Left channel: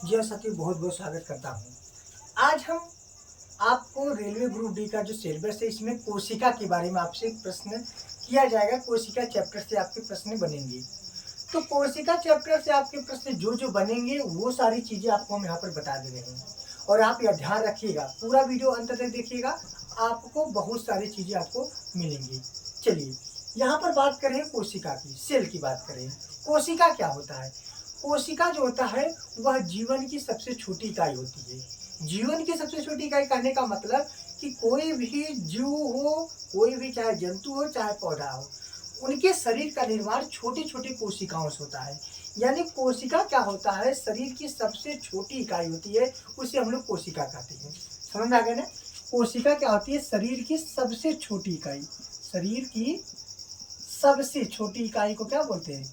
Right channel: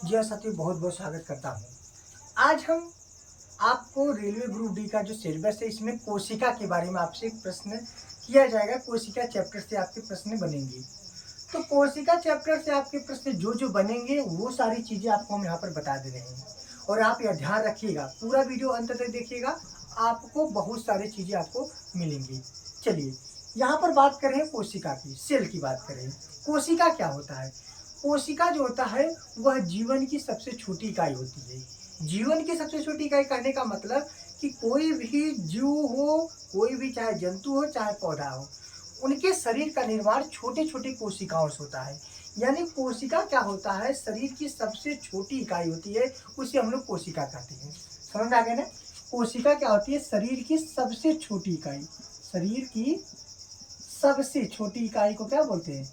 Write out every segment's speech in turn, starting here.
जी हाँ साथियों, बहुत बहुत स्वागत करता हूँ। आज हम आपको रेलवे ग्रुप डी का जो सिलेबस है इसमें कोशिका के बारे में आपसे एक प्रश्न किया जाएगा। कोशिका चैप्टर से आपके प्रश्न बनेंगे। तो कोशिका चैप्टर से आपके प्रश्न जो जो बनेंगे वो सारी चीज़ें आपको हम यहाँ पर बता दे रहे हैं। और आप यह ध्यान रखिएगा, पूरा वीडियो अंत तक देखिएगा, आपको बहुत सारी चीज़ें आपको मिलेंगी। चलिए, यहाँ पर बात करें कोशिका की, सेल की बात करें। कोशिका क्या होता है? कोशिका जो होता है वह जीवन की सबसे छोटी इकाई होती है। जीवन की सबसे छोटी इकाई कहने का मतलब कि कोई भी जीव हो, कोई भी चाहे जंतु हो चाहे पौधा हो, उनके शरीर का निर्माण छोटे छोटे कोशिकाओं से होता है। यानी कोशिका क्या होता है? शरीर की सबसे छोटी इकाई होती है, उसे हम लोग कोशिका कहते हैं। समझ में आ गया ना? कोशिका क्या होती है? शरीर की सबसे छोटी इकाई। शरीर की सबसे छोटी इकाई को क्या बोलते हैं?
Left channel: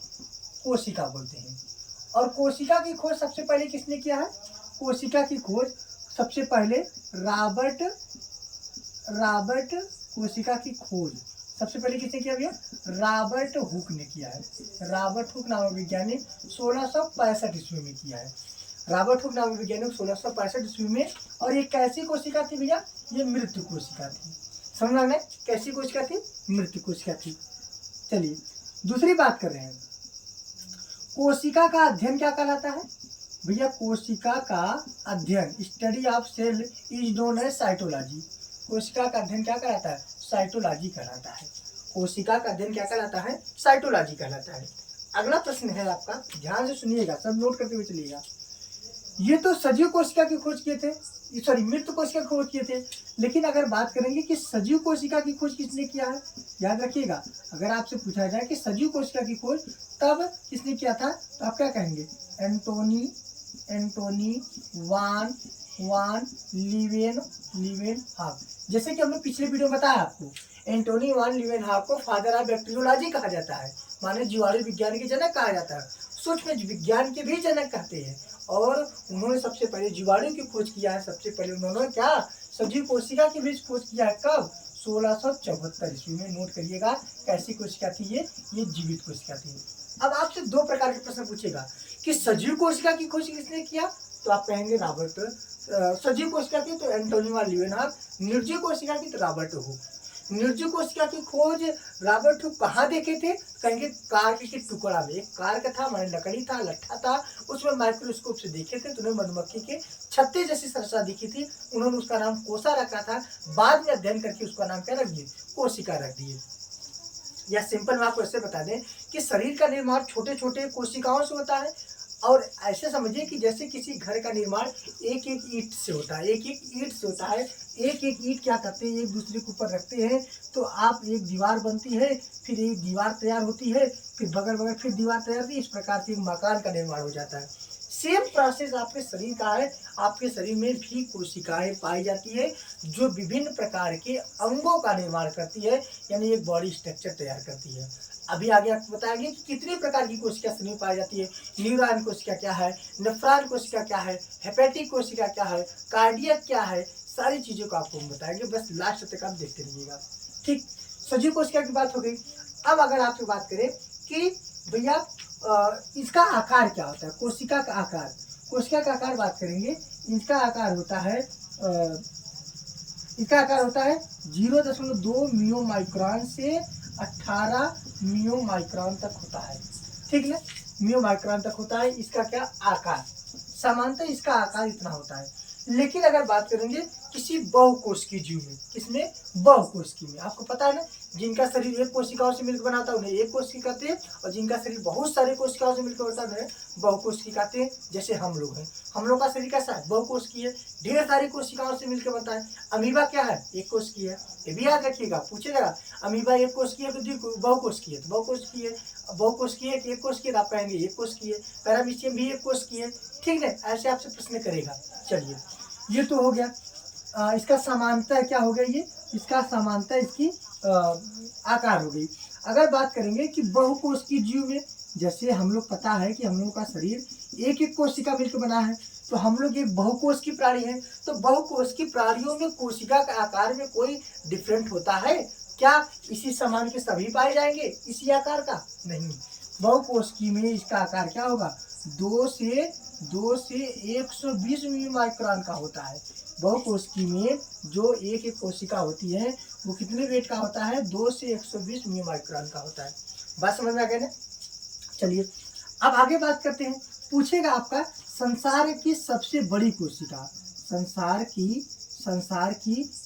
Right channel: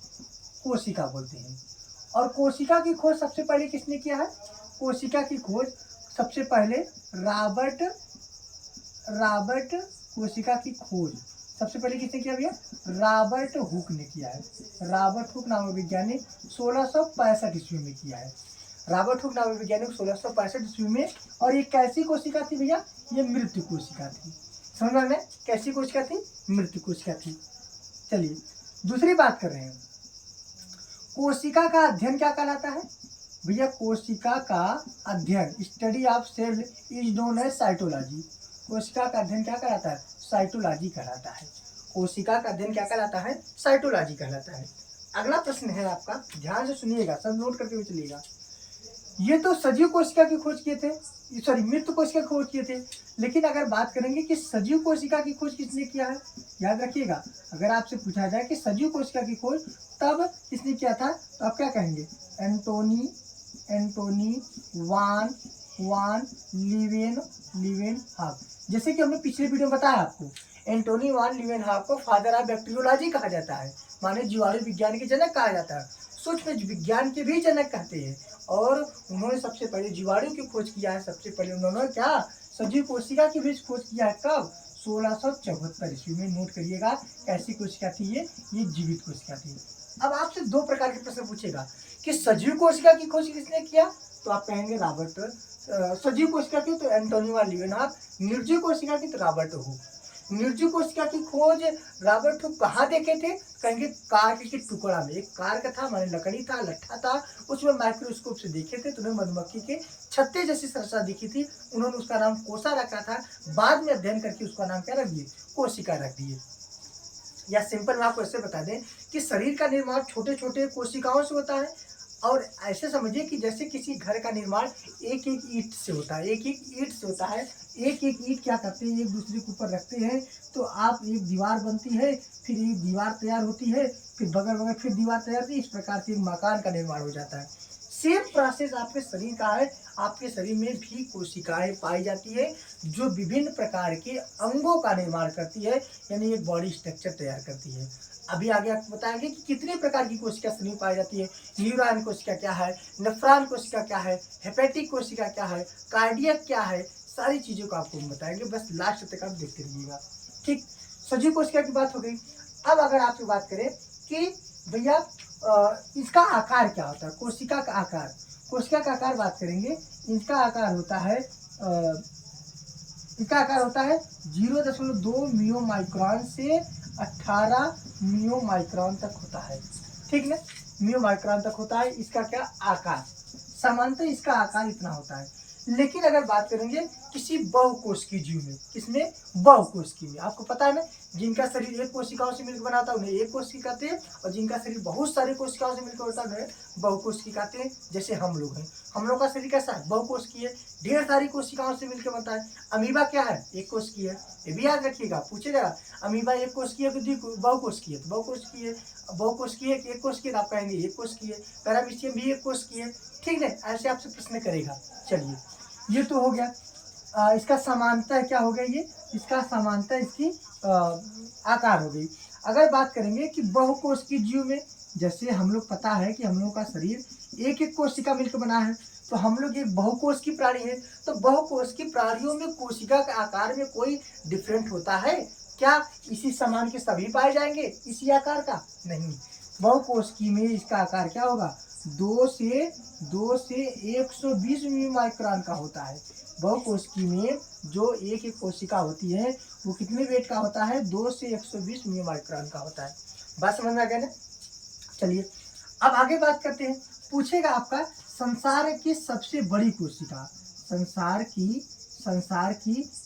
कोशिका बोलते हैं। और कोशिका की खोज सबसे पहले किसने किया है? कोशिका की खोज सबसे पहले रॉबर्ट रॉबर्ट कोशिका की खोज सबसे पहले किसने किया भैया? रॉबर्ट हुक ने किया है। रॉबर्ट हुक नामक वैज्ञानिक 1665 ईस्वी में किया है। रॉबर्ट हुक नामक वैज्ञानिक 1665 ईस्वी में। और ये कैसी कोशिका थी भैया? ये मृत्यु कोशिका थी। समझ में आ गया? कैसी कोशिका थी? मृत्यु कोशिका थी। चलिए, दूसरी बात कर रहे हैं। कोशिका का अध्ययन क्या कहलाता है भैया? कोशिका का अध्ययन, study of cell is known as cytology. कोशिका का अध्ययन क्या कहलाता है? साइटोलॉजी कहलाता है। कोशिका का अध्ययन क्या कहलाता है? साइटोलॉजी कहलाता है। अगला प्रश्न है आपका, ध्यान से सुनिएगा, सब नोट करके भी चलिएगा। ये तो सजीव कोशिका की खोज किए थे, सॉरी मृत कोशिका की खोज किए थे। लेकिन अगर बात करेंगे कि सजीव कोशिका की खोज किसने किया है, याद रखिएगा, अगर आपसे पूछा जाए कि सजीव कोशिका की खोज तब किसने किया था, तो आप क्या कहेंगे? एंटोनी वान वान लीवेनहॉक। जैसे कि हमने पिछले वीडियो में बताया आपको, एंटोनी वान लीवेनहॉक को फादर ऑफ बैक्टीरियोलॉजी कहा जाता है, माने जीवाणु विज्ञान के जनक कहा जाता है, सूक्ष्म विज्ञान के भी जनक कहते हैं। और उन्होंने सबसे पहले जीवाणु की खोज किया है। सबसे पहले उन्होंने क्या? सजीव कोशिका की भी खोज किया है। कब? 1674 ईस्वी में। नोट करिएगा, कैसी कोशिका थी ये जीवित कोशिका थी। अब आपसे दो प्रकार के प्रश्न पूछेगा कि सजीव कोशिका की खोज किसने किया, तो आप कहेंगे रॉबर्ट। सजीव कोशिका की तो एंटोनी वान लीवेनहॉक, निर्जीव कोशिका की तो रॉबर्ट हुक। निर्जीव कोशिका की खोज रॉबर्ट हुक कहाँ देखे थे? कहेंगे कार्क के टुकड़ा में। एक कार्क था, माने लकड़ी था, लट्ठा था, उसमें माइक्रोस्कोप से देखे थे तो उन्हें मधुमक्खी के छत्ते जैसी संरचना दिखी थी। उन्होंने उसका नाम कोसा रखा था। बाद में अध्ययन करके उसका नाम क्या रख दिए? कोशिका रख दिए। या सिंपल में आपको ऐसे बता दें कि शरीर का निर्माण छोटे छोटे कोशिकाओं से होता है। और ऐसे समझिए कि जैसे किसी घर का निर्माण एक एक ईंट से होता है, एक एक ईंट से होता है। एक एक ईंट क्या करते हैं? एक दूसरे के ऊपर रखते हैं तो आप एक दीवार बनती है, फिर एक दीवार तैयार होती है, फिर बगल बगल फिर दीवार तैयार होती है। इस प्रकार से एक मकान का निर्माण हो जाता है। सेम प्रोसेस आपके शरीर का है। आपके शरीर में भी कोशिकाएं पाई जाती है जो विभिन्न प्रकार के अंगों का निर्माण करती है, यानी एक बॉडी स्ट्रक्चर तैयार करती है। अभी आगे आपको बताएंगे कि कितने प्रकार की कोशिका शरीर में पाई जाती है। न्यूरॉन कोशिका क्या है, नेफ्रॉन कोशिका क्या है, हेपेटिक कोशिका क्या है, कार्डियक क्या है, सारी चीजों को आपको हम बताएंगे। बस लास्ट तक आप देखते रहिएगा। ठीक, सजीव कोशिका की बात हो गई। अब अगर आपसे बात करें कि भैया इसका आकार क्या होता है, कोशिका का आकार। कोशिका का आकार बात करेंगे, इसका आकार होता है इसका आकार होता है 0.2 मियो माइक्रोन से 18 मियो माइक्रोन तक होता है। ठीक ना? मियो माइक्रोन तक होता है इसका क्या? आकार। सामान्यतः इसका आकार इतना होता है। लेकिन अगर बात करेंगे किसी बहुकोशिकीय जीव में, किसमें? बहुकोशिकीय में। आपको पता है ना, जिनका शरीर एक कोशिकाओं से मिलकर बना होता है उन्हें एक कोशिका कहते हैं, और जिनका शरीर बहुत सारी कोशिकाओं से मिलकर होता है उन्हें बहुकोशिकीय कहते हैं। जैसे हम लोग हैं, हम लोग का शरीर कैसा है? बहुकोशिकीय, ढेर सारी कोशिकाओं से मिलकर बनता है। अमीबा क्या है? एक कोशिकीय है। ये भी याद रखिएगा, पूछेगा अमीबा एक कोशिकीय है कि बहुकोशिकीय? तो बहुकोशिकीय। बहुकोशिकीय एक कोशिकीय, आप कहेंगे एक कोशिकीय। पैरामीशियम भी एक कोशिकीय। ठीक है, ऐसे आपसे प्रश्न करेगा। चलिए, ये तो हो गया। इसका समानता क्या हो गया? ये इसका समानता इसकी आकार हो गई। अगर बात करेंगे कि बहुकोशिकीय जीव में, जैसे हम लोग पता है कि हम लोग का शरीर एक एक कोशिका मिलकर बना है, तो हम लोग एक बहुकोश की प्राणी है। तो बहुकोश की प्राणियों में कोशिका के आकार में कोई डिफरेंट होता है क्या? इसी समान के सभी पाए जाएंगे इसी आकार का? नहीं, बहुकोशिकीय में इसका आकार क्या होगा? 2 से 120 मिली माइक्रोन का होता है। बहुकोशिकी में जो एक एक कोशिका होती है वो कितने वेट का होता है? 2 से 120 मिली माइक्रोन का होता है। बात समझ में आ गया ना? चलिए अब आगे बात करते हैं। पूछेगा आपका संसार की सबसे बड़ी कोशिका, संसार की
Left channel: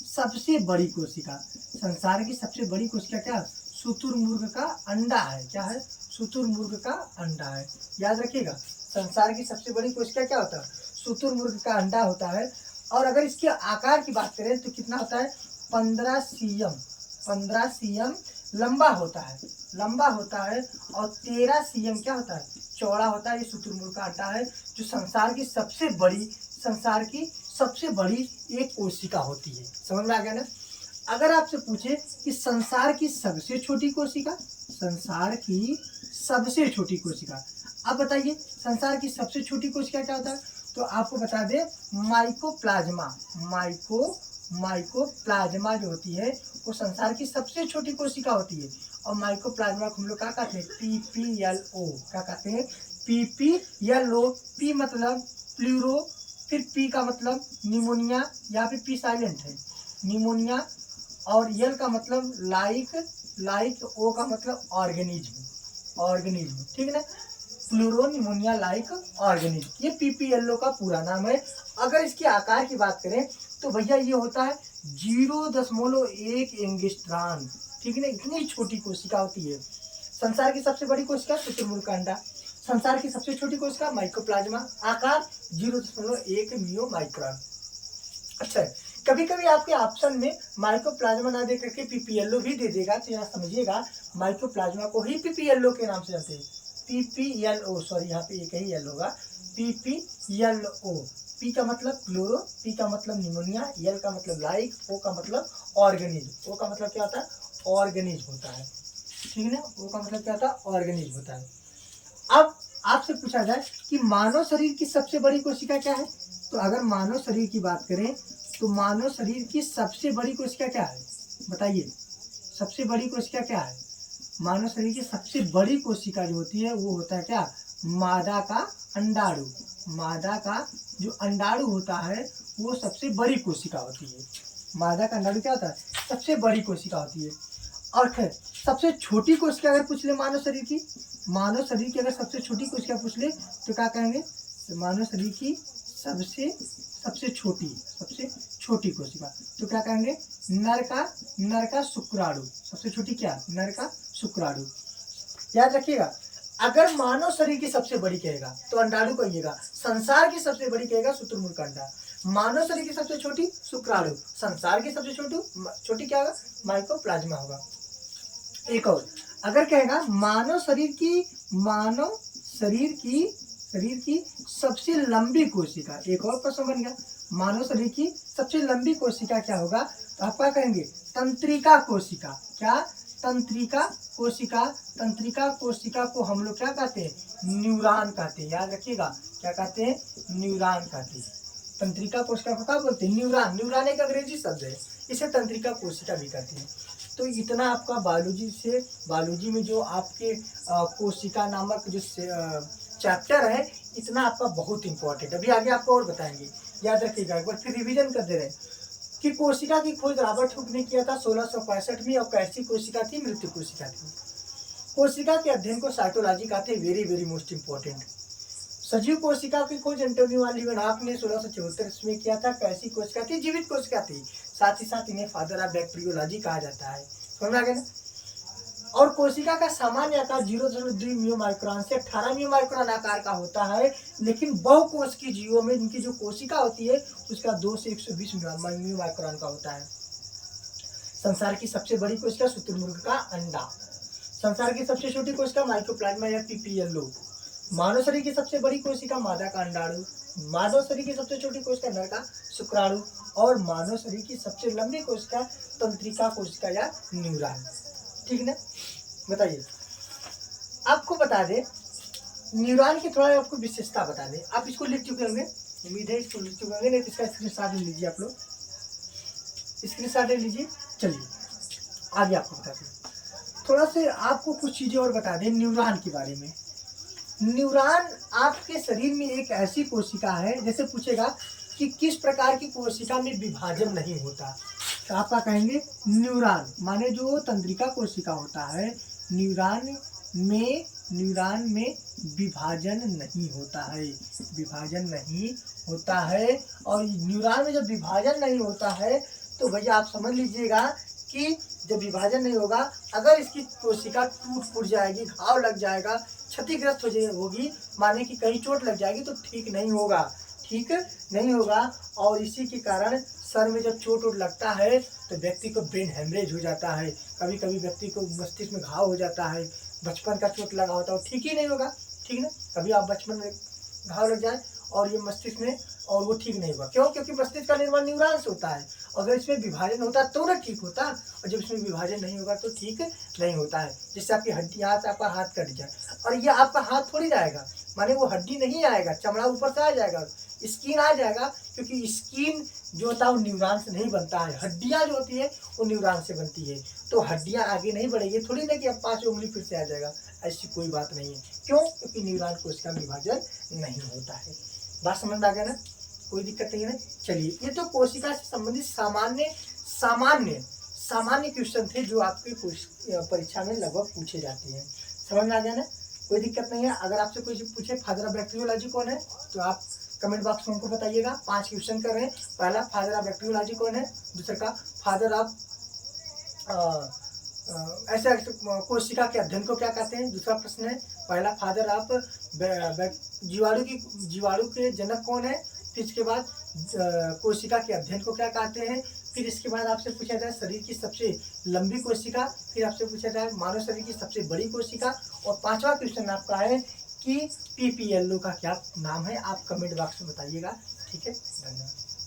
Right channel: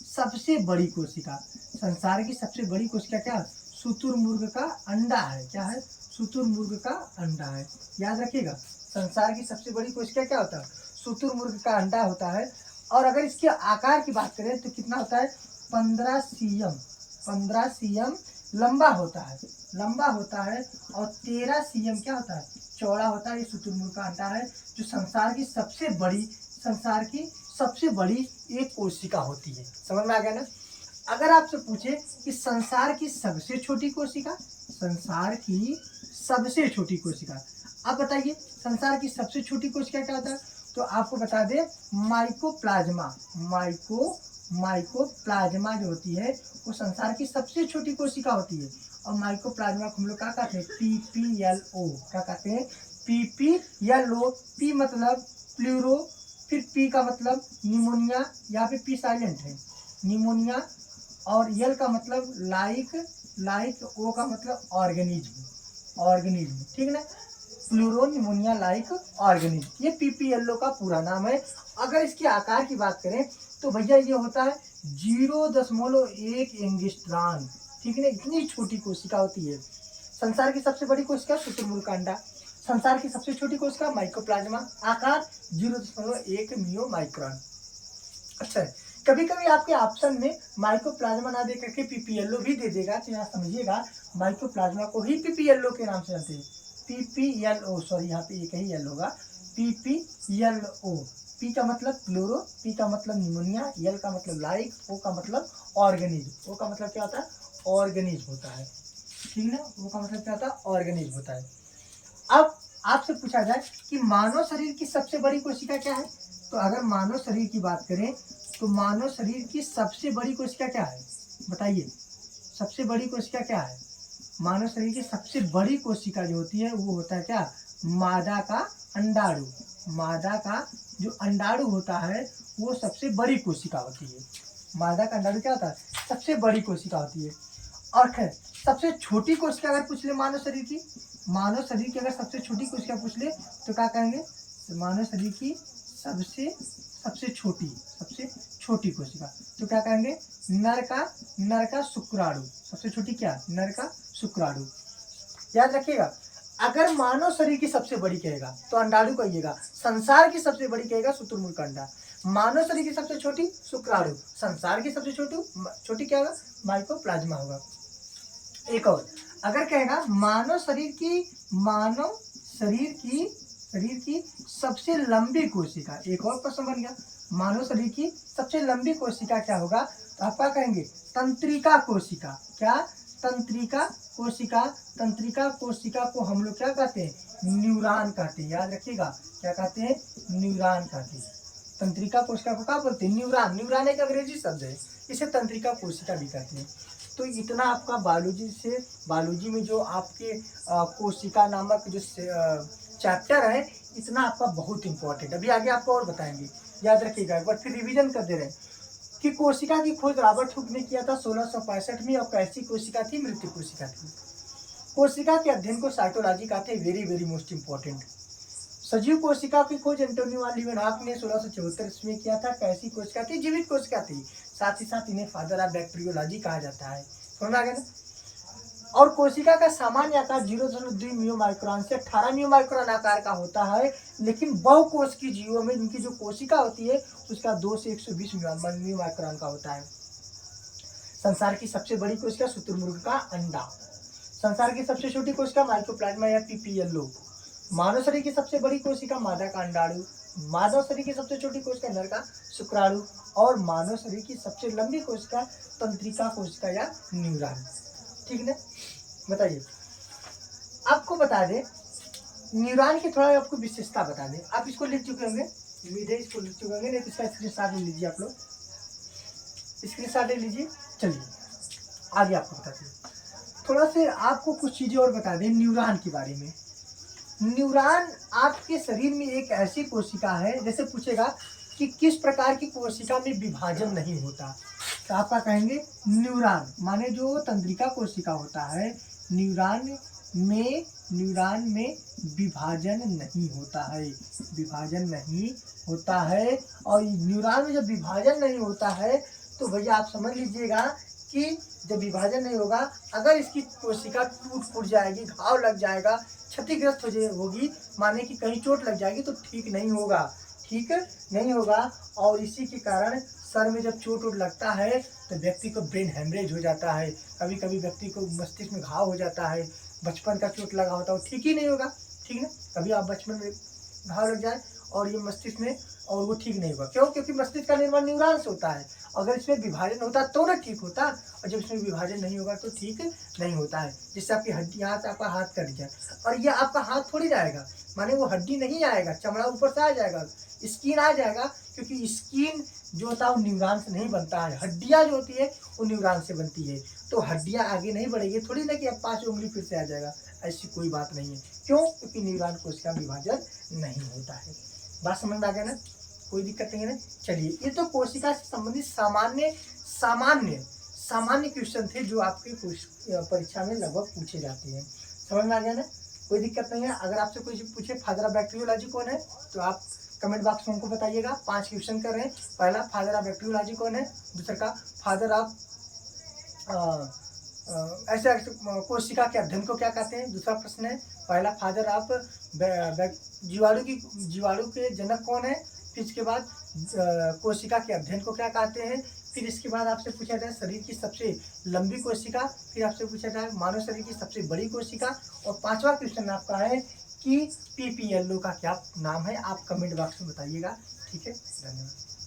सबसे बड़ी कोशिका, संसार की सबसे बड़ी कोशिका क्या? शुतुरमुर्ग का अंडा है। क्या है? शुतुरमुर्ग का अंडा है। याद रखिएगा, संसार की सबसे बड़ी कोशिका क्या होता है? शुतुरमुर्ग का अंडा होता है। और अगर इसके आकार की बात करें तो कितना होता है? 15 cm लंबा होता है, लंबा होता है। और 13 cm क्या होता है? चौड़ा होता है। ये शुतुरमुर्ग का अंडा है जो संसार की सबसे बड़ी एक कोशिका होती है। समझ में आ गया ना? अगर आपसे पूछे कि संसार की सबसे छोटी कोशिका, संसार की सबसे छोटी कोशिका, अब बताइए संसार की सबसे छोटी कोशिका क्या होता है? तो आपको बता दे माइकोप्लाज्मा। माइकोप्लाज्मा जो होती है वो संसार की सबसे छोटी कोशिका होती है। और माइकोप्लाज्मा को हम लोग क्या कहते हैं? PPLO। क्या कहते हैं? PPLO। पी मतलब प्लूरो, फिर पी का मतलब निमोनिया, यहाँ पे पी साइलेंट है, निमोनिया। और यल का मतलब लाइक, ओ का मतलब ऑर्गेनिज्म, ठीक है ना? प्लूरो निमोनिया लाइक ऑर्गेनिज्म, ये PPLO का पूरा नाम है। अगर इसके आकार की बात करें तो भैया ये होता है 0.1 एंगस्ट्रॉन, ठीक है ना? इतनी छोटी कोशिका होती है। संसार की सबसे बड़ी कोशिका शुतुरमुर्ग का अंडा, संसार की सबसे छोटी कोशिका माइकोप्लाज्मा, आकार 0.1 मियो माइक्रोन। अच्छा, कभी कभी आपके ऑप्शन में माइकोप्लाज्मा ना दे करके PPLO भी दे देगा, तो यहाँ समझिएगा माइकोप्लाज्मा को ही PPLO के नाम से जानते हैं। PPLO, सॉरी यहाँ पे एक ही एल होगा, PPLO। पी का मतलब क्लोरो, पी का मतलब निमोनिया, यल का मतलब लाइक, ओ का मतलब ऑर्गेनिज्म। ओ का मतलब क्या होता है? ऑर्गेनिज्म होता है, ठीक है ना? ओ का मतलब क्या होता है? ऑर्गेनिज्म होता है। अब आपसे पूछा जाए कि मानव शरीर की सबसे बड़ी कोशिका क्या है? तो अगर मानव शरीर की बात करें तो मानव शरीर की सबसे बड़ी कोशिका क्या है? बताइए, सबसे बड़ी कोशिका क्या है? मानव शरीर की सबसे बड़ी कोशिका जो होती है वो होता है क्या? मादा का अंडाणु। मादा का जो अंडाणु होता है वो सबसे बड़ी कोशिका होती है। मादा का अंडाणु क्या होता है? सबसे बड़ी कोशिका होती है। और खैर सबसे छोटी कोशिका अगर पूछ ले मानव शरीर की, मानव शरीर की अगर सबसे छोटी कोशिका पूछ ले तो क्या कहेंगे? मानव शरीर की सबसे छोटी कोशिका तो क्या कहेंगे? नर का शुक्राणु। सबसे छोटी क्या? नर का शुक्राणु। याद रखिएगा, अगर मानव शरीर की सबसे बड़ी कहेगा तो अंडाणु कहिएगा, संसार की सबसे बड़ी कहेगा शुतुरमुर्ग का अंडा, मानव शरीर की सबसे छोटी शुक्राणु, संसार की सबसे छोटी क्या होगा? माइकोप्लाज्मा होगा। एक और, अगर कहेगा मानव शरीर की सबसे लंबी कोशिका, एक और प्रश्न बन गया, मानव शरीर की सबसे लंबी कोशिका क्या होगा? तो आप क्या कहेंगे? तंत्रिका कोशिका। क्या? तंत्रिका कोशिका। तंत्रिका कोशिका को हम लोग क्या कहते हैं? न्यूरॉन कहते हैं। याद रखिएगा, क्या कहते हैं? न्यूरॉन कहते हैं। तंत्रिका कोशिका को क्या बोलते हैं? न्यूरॉन। न्यूरॉन एक अंग्रेजी शब्द है, इसे तंत्रिका कोशिका भी कहते हैं। तो इतना आपका बायोलॉजी में जो आपके कोशिका नामक जो चैप्टर है, इतना आपका बहुत इंपॉर्टेंट। अभी आगे आपको और बताएंगे, याद रखिएगा। एक बार फिर रिवीजन कर दे रहे हैं कि कोशिका की खोज रॉबर्ट हुक ने किया था 1665 में, और कैसी कोशिका थी? मृत्यु कोशिका थी। कोशिका के अध्ययन को साइटोलॉजी कहते हैं। Very very most important. सजीव कोशिका की खोज एंटोनियो लिवेनहॉक ने 1674 में किया था। कैसी कोशिका थी? जीवित कोशिका थी। साथ ही साथ इन्हें फादर ऑफ बैक्टीरियोलॉजी कहा जाता है। समझ आ गया ना? और कोशिका का सामान्य आकार 0.2 मियो माइक्रोन से 18 मियो माइक्रोन आकार का होता है, लेकिन बहुकोश की जीवों में जिनकी जो कोशिका होती है उसका 2 से 120 मियो माइक्रोन का होता है। संसार की सबसे बड़ी कोशिका शुतुरमुर्ग का अंडा, संसार की सबसे छोटी कोशिका माइकोप्लाज्मा या PPLO, मानव शरीर की सबसे बड़ी कोशिका मादा का अंडाणु, मानव शरीर की सबसे छोटी कोशिका नर का शुक्राणु, और मानव शरीर की सबसे लंबी कोशिका तंत्रिका कोशिका या न्यूरॉन। ठीक ना? बताइए, आपको बता दें न्यूरॉन की थोड़ा आपको विशेषता बता दें। आप इसको लिख चुके होंगे, उम्मीद है इसको लिख चुके होंगे, नहीं तो इसका स्क्रीनशॉट ले लीजिए। आप लोग स्क्रीनशॉट ले लीजिए। चलिए आगे आपको बताते हैं, थोड़ा से आपको कुछ चीज़ें और बता दें न्यूरॉन के बारे में। न्यूरॉन आपके शरीर में एक ऐसी कोशिका है, जैसे पूछेगा कि किस प्रकार की कोशिका में विभाजन नहीं होता, तो आपका कहेंगे न्यूरॉन, माने जो तंत्रिका कोशिका होता है, न्यूरॉन में विभाजन नहीं होता है, विभाजन नहीं होता है। और न्यूरॉन में जब विभाजन नहीं होता है तो भैया आप समझ लीजिएगा कि जब विभाजन नहीं होगा, अगर इसकी कोशिका टूट फूट जाएगी, घाव लग जाएगा, क्षतिग्रस्त होगी, माने कि कहीं चोट लग जाएगी, तो ठीक नहीं होगा, ठीक नहीं होगा। और इसी के कारण सर में जब चोट वोट लगता है तो व्यक्ति को ब्रेन हेमरेज हो जाता है, कभी कभी व्यक्ति को मस्तिष्क में घाव हो जाता है, बचपन का चोट लगा होता है वो ठीक ही नहीं होगा, ठीक ना। कभी आप बचपन में घाव लग जाए और ये मस्तिष्क में, और वो ठीक नहीं होगा, क्यों? क्योंकि मस्तिष्क का निर्माण न्यूरॉन से होता है, अगर इसमें विभाजन होता तो ना ठीक होता, और जब इसमें विभाजन नहीं होगा तो ठीक नहीं होता है। जिससे आपकी हड्डी, हाथ, आपका हाथ कट जाए, और ये आपका हाथ थोड़ी जाएगा, माने वो हड्डी नहीं आएगा, चमड़ा ऊपर से आ जाएगा, स्किन आ जाएगा, क्योंकि स्किन जो होता है वो न्यूरॉन से नहीं बनता है, हड्डियाँ जो होती है वो न्यूरॉन से बनती है। तो हड्डियाँ आगे नहीं बढ़ेगी, थोड़ी ना कि अब 5 उंगली फिर से आ जाएगा, ऐसी कोई बात नहीं है। क्यों? क्योंकि न्यूरॉन को इसका विभाजन नहीं होता है। बात समझ में आ गया ना, कोई दिक्कत नहीं है ना। चलिए, ये तो कोशिका से संबंधित सामान्य क्वेश्चन थे जो आपके परीक्षा में लगभग पूछे जाते हैं। समझ में आ गया ना, कोई दिक्कत नहीं है। अगर आपसे कोई पूछे फादर ऑफ बैक्टीरियोलॉजी कौन है, तो आप कमेंट बॉक्स में हमको बताइएगा। 5 क्वेश्चन कर रहे हैं। पहला, फादर ऑफ बैक्टीरियोलॉजी कौन है, दूसरा का फादर ऑफ ऐसे कोशिका के अध्ययन को क्या कहते हैं, दूसरा प्रश्न है। पहला, फादर ऑफ जीवाणु के जनक कौन है, फिर इसके बाद कोशिका के अध्ययन को क्या कहते हैं, फिर इसके बाद आपसे पूछा जाए शरीर की सबसे लंबी कोशिका, फिर आपसे पूछा जाए मानव शरीर की सबसे बड़ी कोशिका, और 5वां क्वेश्चन आपका है कि PPLO का क्या नाम है। आप कमेंट बॉक्स में बताइएगा, ठीक है। धन्यवाद।